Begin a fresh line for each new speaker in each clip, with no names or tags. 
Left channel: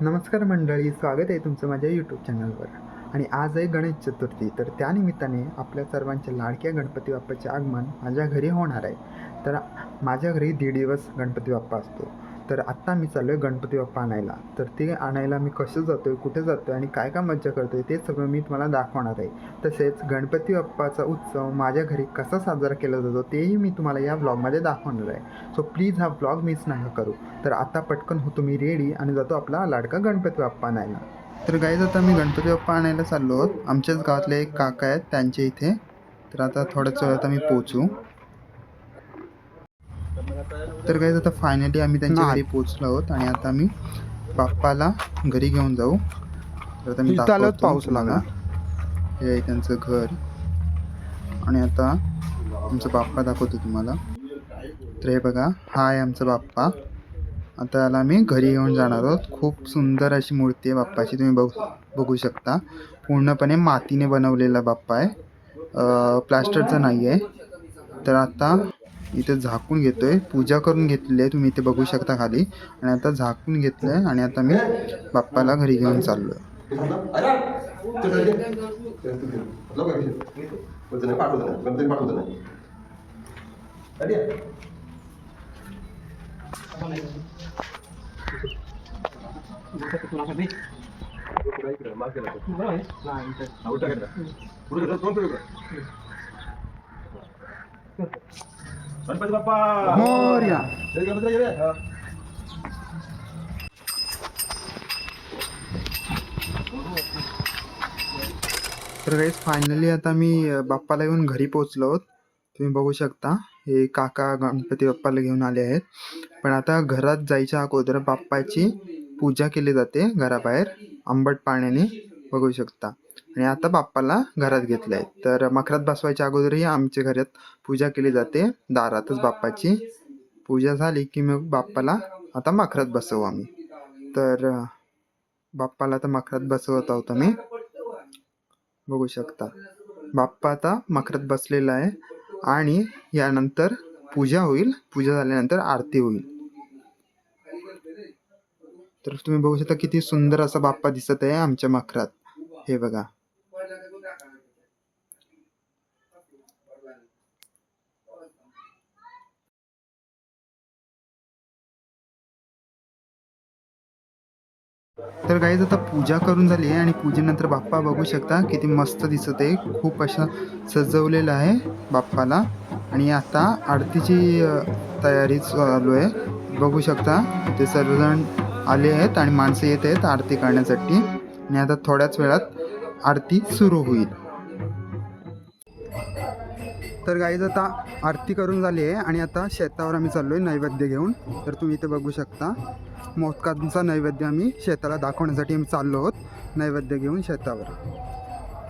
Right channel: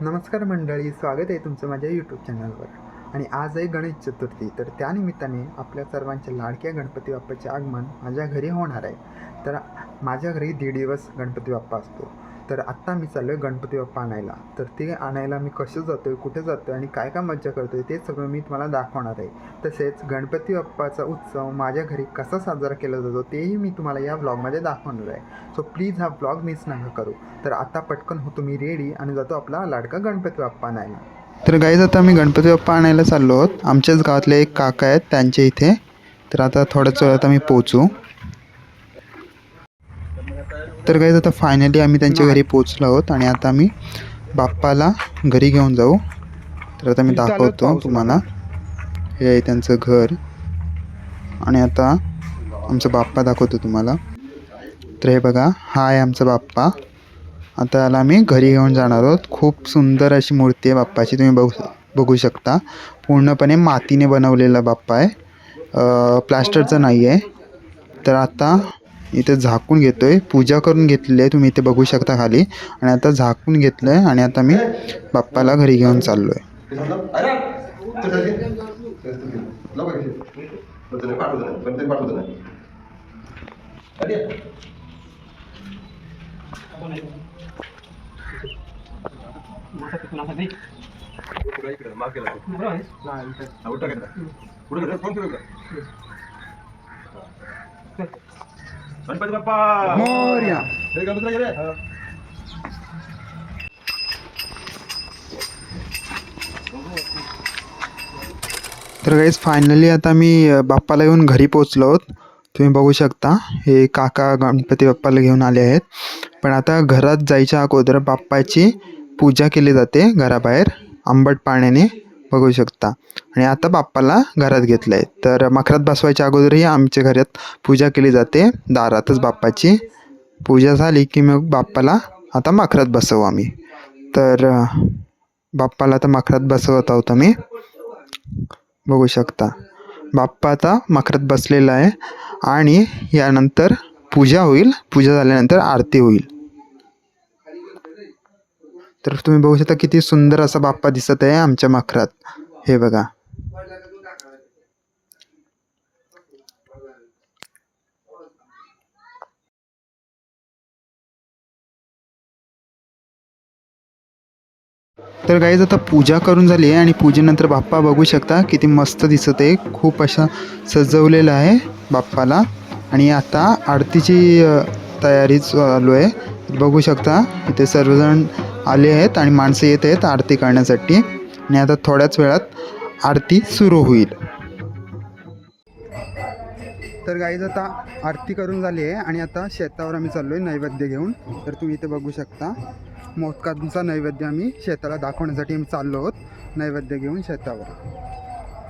नमस्कार मंडळी स्वागत आहे तुमचं माझ्या यूट्यूब चॅनलवर आणि आज आहे गणेश चतुर्थी तर त्यानिमित्ताने आपल्या सर्वांच्या लाडक्या गणपती बाप्पाचे आगमन माझ्या घरी होणार आहे. तर माझ्या घरी दीड दिवस गणपती बाप्पा असतो. तर आत्ता मी चाललो आहे गणपती बाप्पा आणायला. तर ते आणायला मी कसं जातो आहे कुठे जातो आहे आणि काय काय मज्जा करतो आहे ते सगळं मी तुम्हाला दाखवणार आहे. तसेच गणपती बाप्पाचा उत्सव माझ्या घरी कसा साजरा केला जातो तेही मी तुम्हाला या ब्लॉगमध्ये दाखवणार आहे. सो प्लीज हा ब्लॉग मिस नका करू. तर आत्ता पटकन होतो मी रेडी आणि जातो आपला लाडका गणपती बाप्पा आणायला. तर गाईज आता आम्ही गणपती बाप्पा आणायला चाललो आहोत. आमच्याच गावातले एक काका आहेत त्यांच्या इथे. तर आता थोड्याच वेळात आम्ही पोचू तर गाईज आता फायनली आम्ही त्यांच्या घरी पोचलो आहोत आणि आता आम्ही बाप्पाला घरी घेऊन जाऊ. तर आता मी दाखवतो तुम्हाला. हे आहे त्यांचं घर. आणि आता आमचा बाप्पा दाखवतो तुम्हाला. तर हे बघा हा आहे आमचा बाप्पा. आता याला आम्ही घरी घेऊन जाणार आहोत. खूप सुंदर अशी मूर्ती आहे बाप्पाची तुम्ही बघू बघू शकता. पूर्णपणे मातीने बनवलेला बाप्पा आहे. प्लॅस्टरचा नाही आहे तर आता इथे झाकून घेतो आहे पूजा करून घेतलेली आहे. तुम्ही इथे बघू शकता खाली. आणि आता झाकून घेतलं आहे आणि आता मी बाप्पाला घरी घेऊन चाललो आहे
गणपती बाप्पा!
मोर्या.
जय गणपती रे
तर गाईज फायनली आता मी बाप्पाला येऊन घरी पोचलो आहोत. तुम्ही बघू शकता हे काका गणपती बाप्पाला घेऊन आले आहेत. पण आता घरात जायच्या अगोदर बाप्पाची पूजा केली जाते घराबाहेर आंबट पाण्याने. बघू शकता. आणि आता बाप्पाला घरात घेतलं आहे तर मखरात बसवायच्या अगोदरही आमच्या घरात पूजा केली जाते. दारातच बाप्पाची पूजा झाली की मग बाप्पाला आता मखरात बसवू आम्ही. तर बाप्पाला आता मखरात बसवत आहोत आम्ही. बघू शकता. बाप्पा आता मखरात बसलेला आहे. आणि यानंतर पूजा होईल. पूजा झाल्यानंतर आरती होईल. तर तुम्ही बघू शकता किती सुंदर असा बाप्पा दिसत आहे आमच्या मखरात. हे बघा. तर गाईज आता पूजा करून झाली आहे आणि पूजेनंतर बाप्पा बघू शकता किती मस्त दिसत आहे. खूप अशा सजवलेलं आहे बाप्पाला. आणि आता आरतीची तयारी चालू आहे. बघू शकता इथे सर्वजण आले आहेत आणि माणसं येत आहेत आरती करण्यासाठी. आणि आता थोड्याच वेळात आरती सुरू होईल. तर गाईज आता आरती करून झाली आहे आणि आता शेतावर आम्ही चाललो आहे नैवेद्य घेऊन. तर तुम्ही इथे बघू शकता. मोदकांचा नैवेद्य आम्ही शेताला दाखवण्यासाठी आम्ही चाललो आहोत. नैवेद्य घेऊन शेतावर.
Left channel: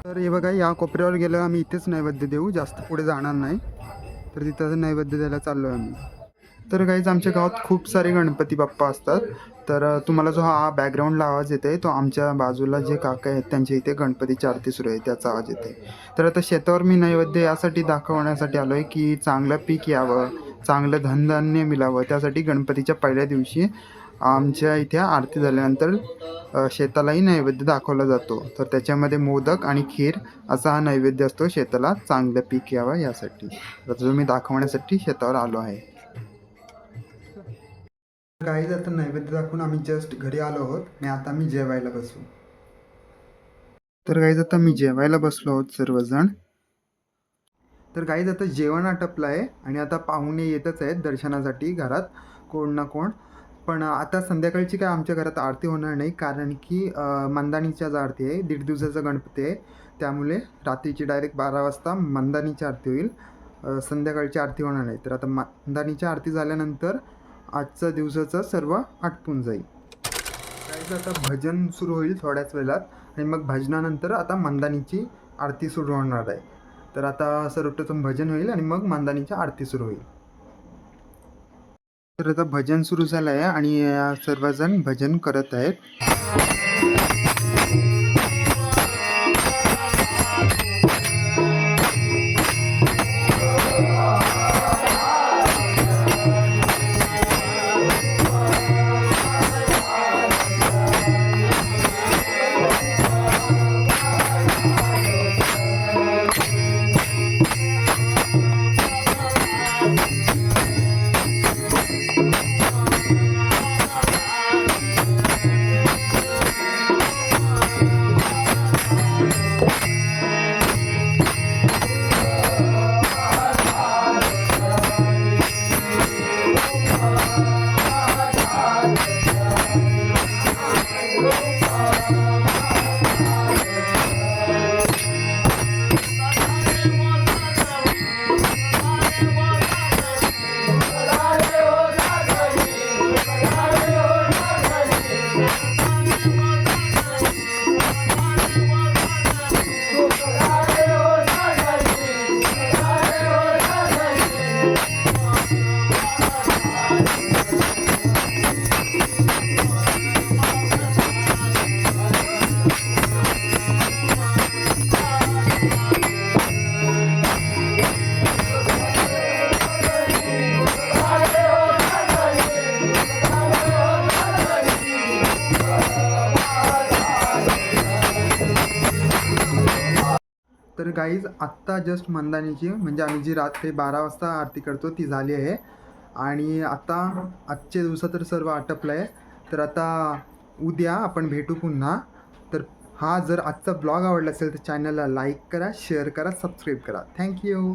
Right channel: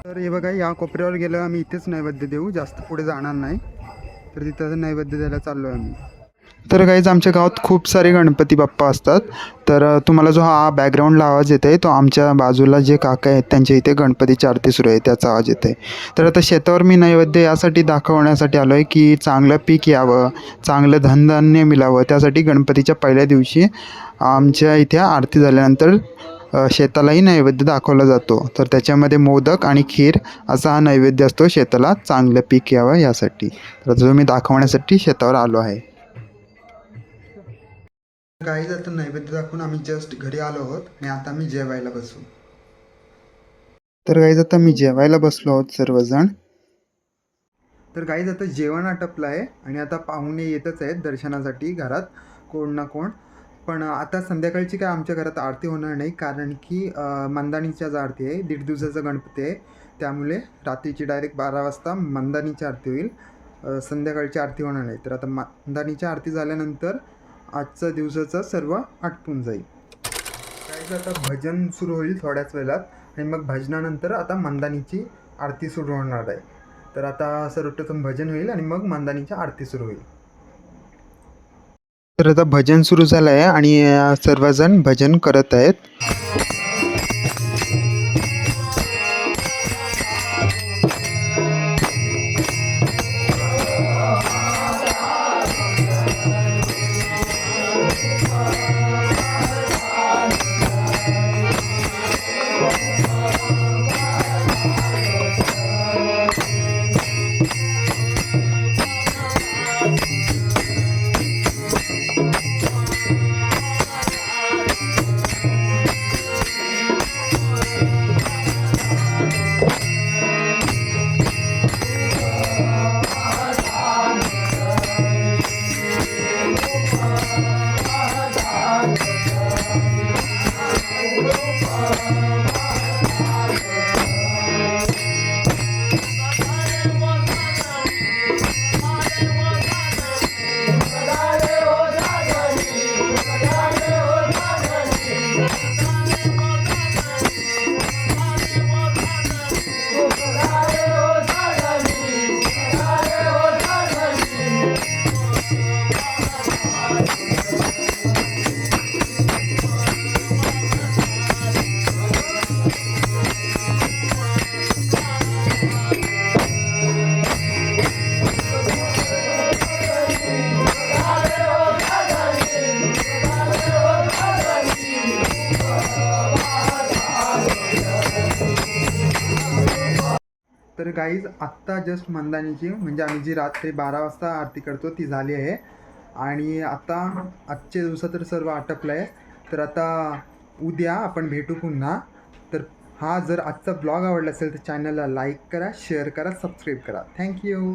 तर हे बघा या कोपऱ्यावर गेलं आम्ही इथेच नैवेद्य देऊ. जास्त पुढे जाणार नाही. तर तिथं नैवेद्य द्यायला चाललो आहे आम्ही. तर काहीच आमच्या गावात खूप सारे गणपती बाप्पा असतात. तर तुम्हाला जो हा बॅकग्राऊंडला आवाज येत आहे तो आमच्या बाजूला जे काका आहेत त्यांच्या इथे गणपतीची आरती सुरू आहे त्याचा आवाज येत आहे तर आता शेतावर मी नैवेद्य यासाठी दाखवण्यासाठी आलो आहे की चांगलं पीक यावं चांगलं धनधान्य मिळावं त्यासाठी गणपतीच्या पहिल्या दिवशी आमच्या इथे आरती झाल्यानंतर शेतालाही नैवेद्य दाखवला जातो. तर त्याच्यामध्ये मोदक आणि खीर असा हा नैवेद्य असतो शेताला चांगलं पीक यावं यासाठी. तर जो मी दाखवण्यासाठी शेतावर आलो आहे. काही आता नैवेद्य दाखवून आम्ही जस्ट घरी आलो आहोत आणि आता आम्ही जेवायला बसू. तर गाईज आता मी जेवायला बसलो आहोत सर्वजण. तर गाईज आता जेवण आटपलं आहे आणि आता पाहुणे येतच आहेत दर्शनासाठी घरात कोण ना कोण. पण आता संध्याकाळची काय आमच्या घरात आरती होणार नाही कारण की अ, मंदानीच्याच आरती आहे. दीड दिवसाचा गणपती आहे. त्यामुळे रात्रीची डायरेक्ट बारा वाजता मंदानीची आरती होईल. संध्याकाळची आरती होणार नाही. तर आता मंदानीची आरती झाल्यानंतर आजचा दिवसाचा सर्व आटपून जाईल. काहीच आता भजन सुरू होईल थोड्याच वेळात. आणि मग भजनानंतर आता मंदानीची आरती सुरू होणार आहे. तर आता सर्वप्रथम भजन होईल आणि मग मंदानीची आरती सुरू होईल. तर आता भजन सुरू झालं आहे आणि सर्वजण भजन करत आहेत. तर गाईज आत्ता जस्ट मंदानीची म्हणजे आम्ही जी रात्री बारा वाजता आरती करतो ती झाली आहे. आणि आता आजच्या दिवसात तर सर्व आटपलं आहे तर आता उद्या आपण भेटू पुन्हा. तर हा जर आजचा ब्लॉग आवडला असेल तर चॅनलला लाईक करा शेअर करा सबस्क्राईब करा. थँक्यू